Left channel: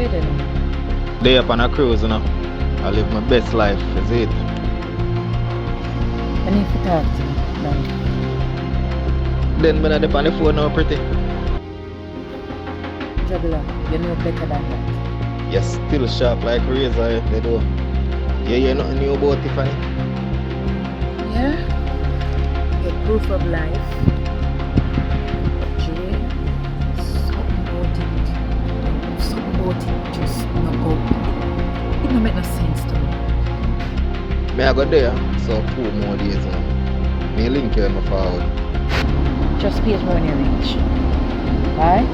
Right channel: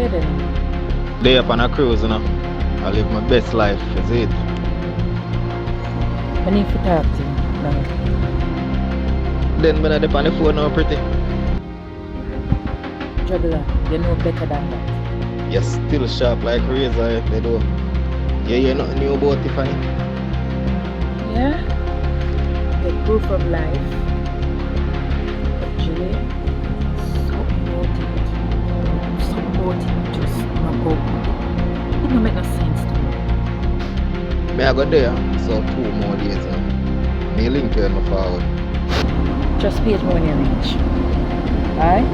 Where then? Day up on a cruise, you know. I live my best life, is it? I need to talk to you now. Then when I dip on the phone now, pretty. Juggler, you know better than that. You're still sharp like razor, they do. Yeah, you nothing new about Tiffany. Yeah? Get proof of life. But Jay, something about it just not go. It don't make no sense to me. Me I go there, so 2 more days now. Me link you in my forward. Just page more when you reach. Alright?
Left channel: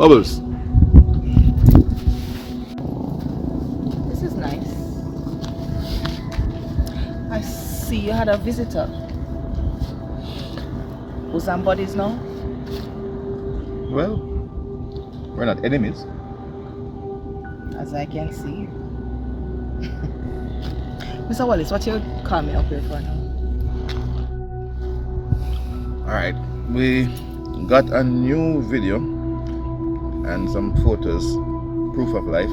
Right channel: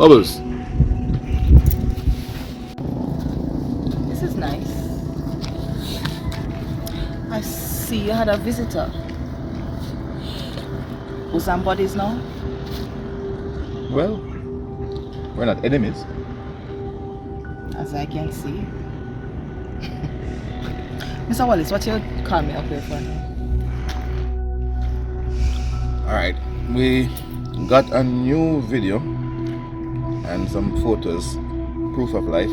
Bubbles. This is nice. I see you had a visitor. Who's on bodies now? Well, we're not enemies. As I can see. Mr. Wallace, what you call me up here for now? Alright, we got a new video and some photos, proof of life.